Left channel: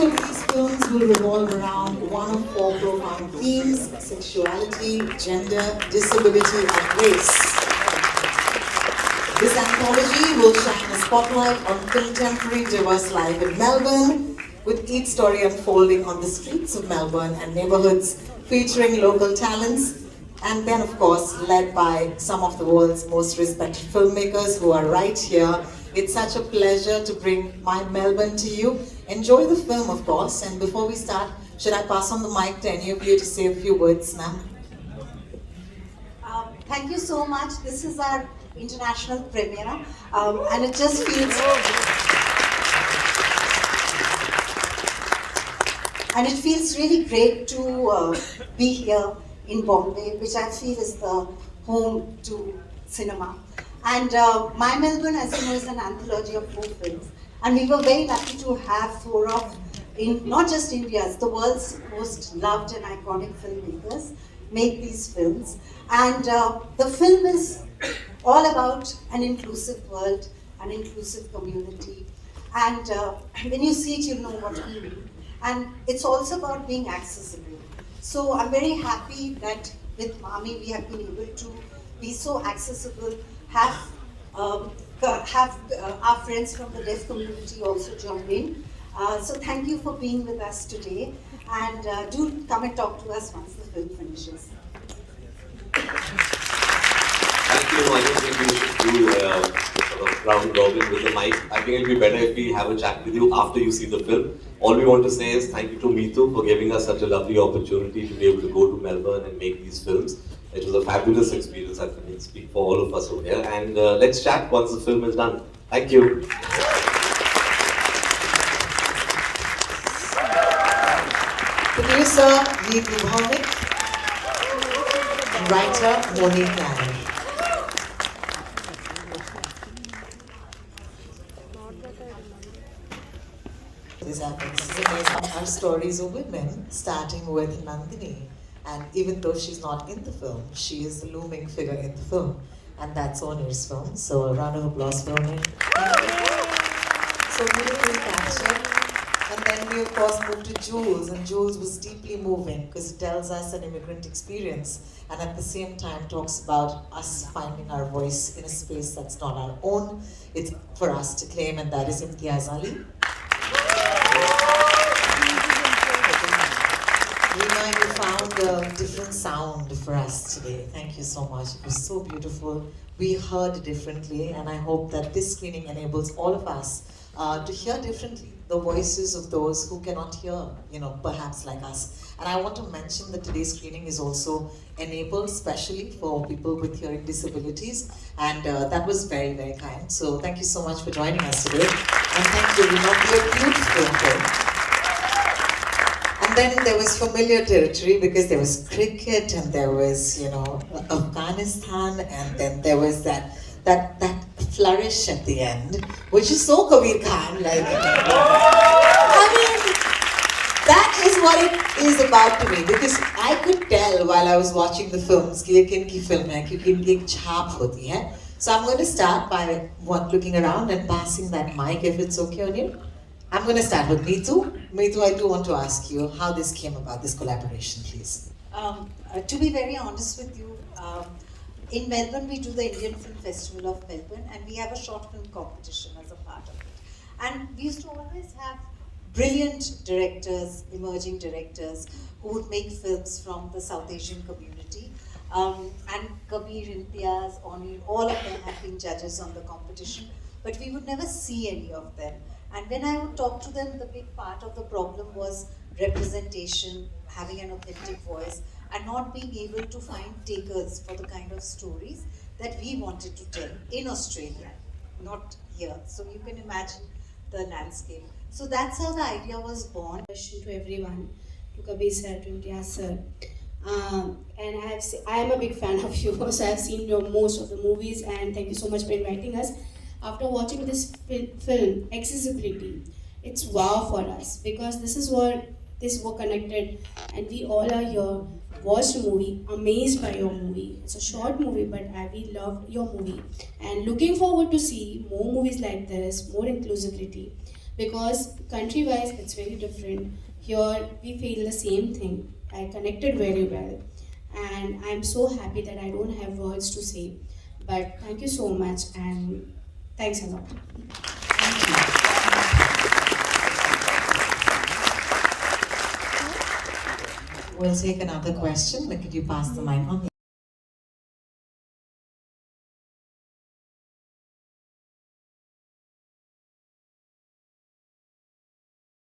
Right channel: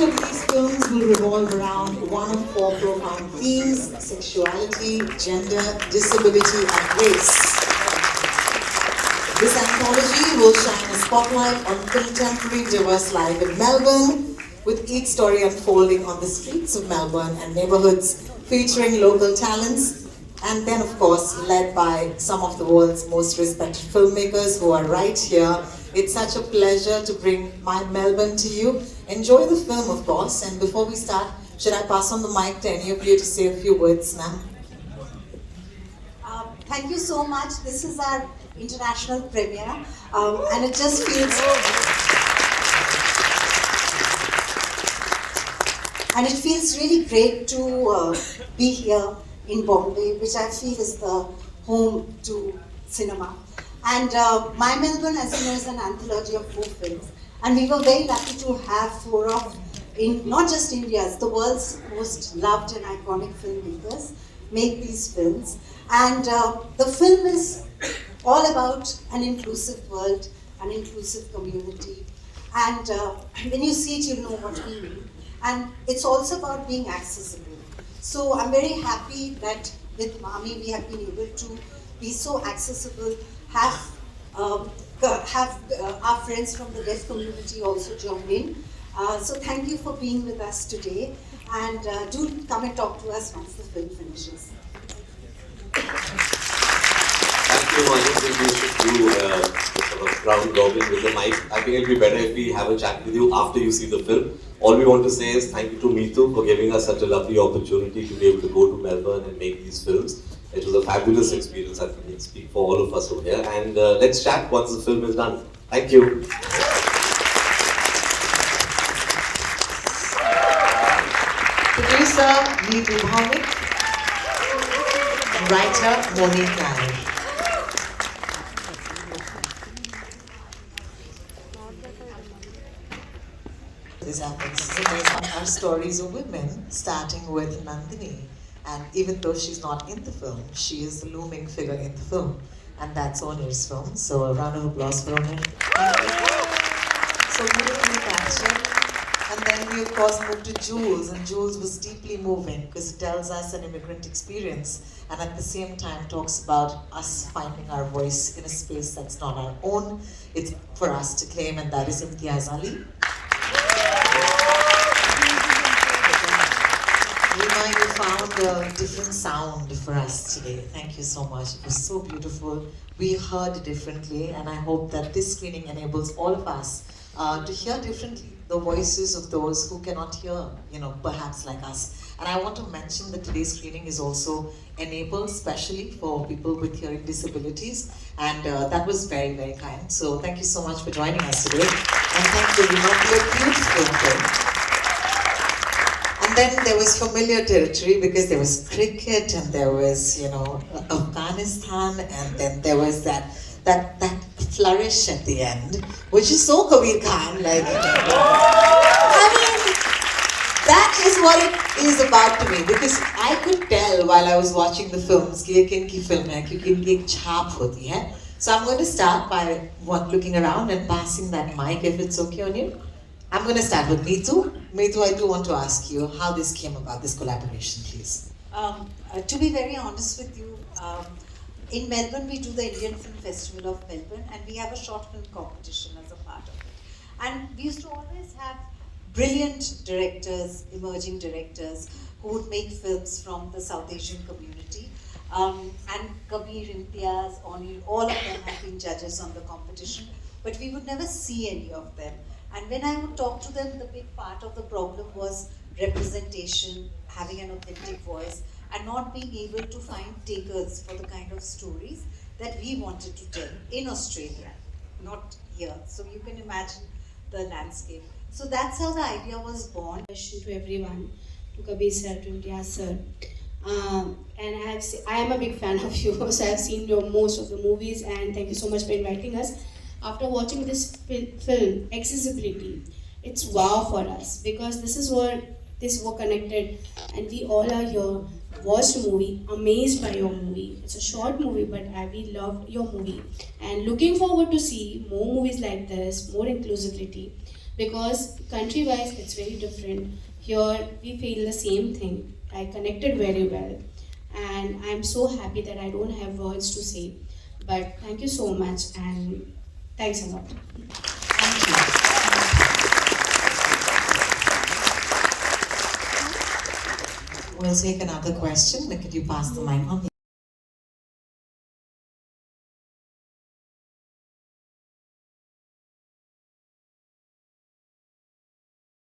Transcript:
Each of these films will revolve around one of four profound themes: sexuality, gender, disability, and race. This anthology will shine a spotlight on contemporary diverse life in Melbourne, with each story unfolding on the streets of Melbourne and neighbourhoods, featuring local talents, and then of course led by some of the world's most respected filmmakers who are right here. It's such a pleasure to bring My Melbourne to you. Enjoy the film, of course, and before we start, should I pass on the mic to any of you to say a few words now? Thank you so much. This is our international premiere, and it just feels really great to be here in Bombay, which I feel is the home to cinema. And My Melbourne, as you know, is an anthology of 4 films, and we were very lucky to have 4 of, not just India's, the world's most loved and iconic filmmakers make these films. And the film is all about an inclusive world, an inclusive community. And when you see it, you know what we mean. And it's also about being accessible. So I'm very happy that with MAMI we have been able to be so accessible, have our friends from the deaf community also join in. So thank you for being with us today, and do come and talk to us once the film finishes. Thank you. I don't think we should do sort of round robin with the mic. I think it'd be better if we have a chat with you after you see the film. All we want to say is thank you to Meetu for giving us such a lovely opportunity to be able to go to Melbourne and make these films. It was a fabulous experience. I can speak for all of us over here. And let's chat once the film is done. Thank you. Producer Veer Mohammed, writer Monica. This happens based on our stories of women, starting with Nandini. And even though she's not in the film, she is the looming figure in the film. And that's Onir's film. So round of applause for Onir. So beautifully captured. And then we of course moved to Jules, and Jules was deeply moving because it tells us an immigrant experience and at the same time talks about us finding our voice in a space that's not our own. It's for us to claim, and that is Imtiaz Ali. Rima, you found a different sound for us today. Thank you so much. It was so beautiful. We heard differently, and I hope that this screening enables all of us to hear differently the voices of those who cannot hear, perhaps like us. And I want to mention that today's screening is also enabled specially for people with hearing disabilities, and that was very, very kind. So thank you so much for joining us today, and thank you, Rima, for a beautiful film. And then there was familiar territory because there was cricket and there was, Afghanistan, and then there was that flourish at the end, which is so Kabir Khan, that is what it is about to me, because I could tell while I was watching the films कि ये किनकी film है, क्योंकि इनकी एक छाप होती है. So I'm going to start by looking around and passing that mic, if it's okay on you. I'm going to start with Meetu. Meetu, I do want to ask you how this came about, this collaboration, please. To be very honest with you, in Melbourne we do the Indian Film Festival of Melbourne, and we have a short film competition as a part of it. And we used to always have brilliant directors, emerging directors, who would make films from the South Asian community. And Kabir, Imtiaz, Onir, all of them have been judges on the competition, but we would never see any of them. And when I would talk to them, the big part of the problem was representation, having an authentic voice, and not being able to find takers for the kind of stories that we wanted to tell in Australia, not here. So you can imagine the landscape. So that's how the idea was born. To everyone, to Kabir sir, to Imtiaz sir. And I am a big fan of you, so I have seen most of the movies, and thank you so much for inviting us. After watching this film, accessibility, it's wow for us, because this is what we're connected, and we all are here, watched a movie, amazed by your movie. It's a short movie, but we loved your movie, and looking forward to see more movies like this, more inclusivity, because country-wise it's very different. Here we feel the same thing. I connected very well, and I'm so happy that I don't have words to say. But thank you so much, and thanks a lot. We'll take another question. Could you pass the mic on?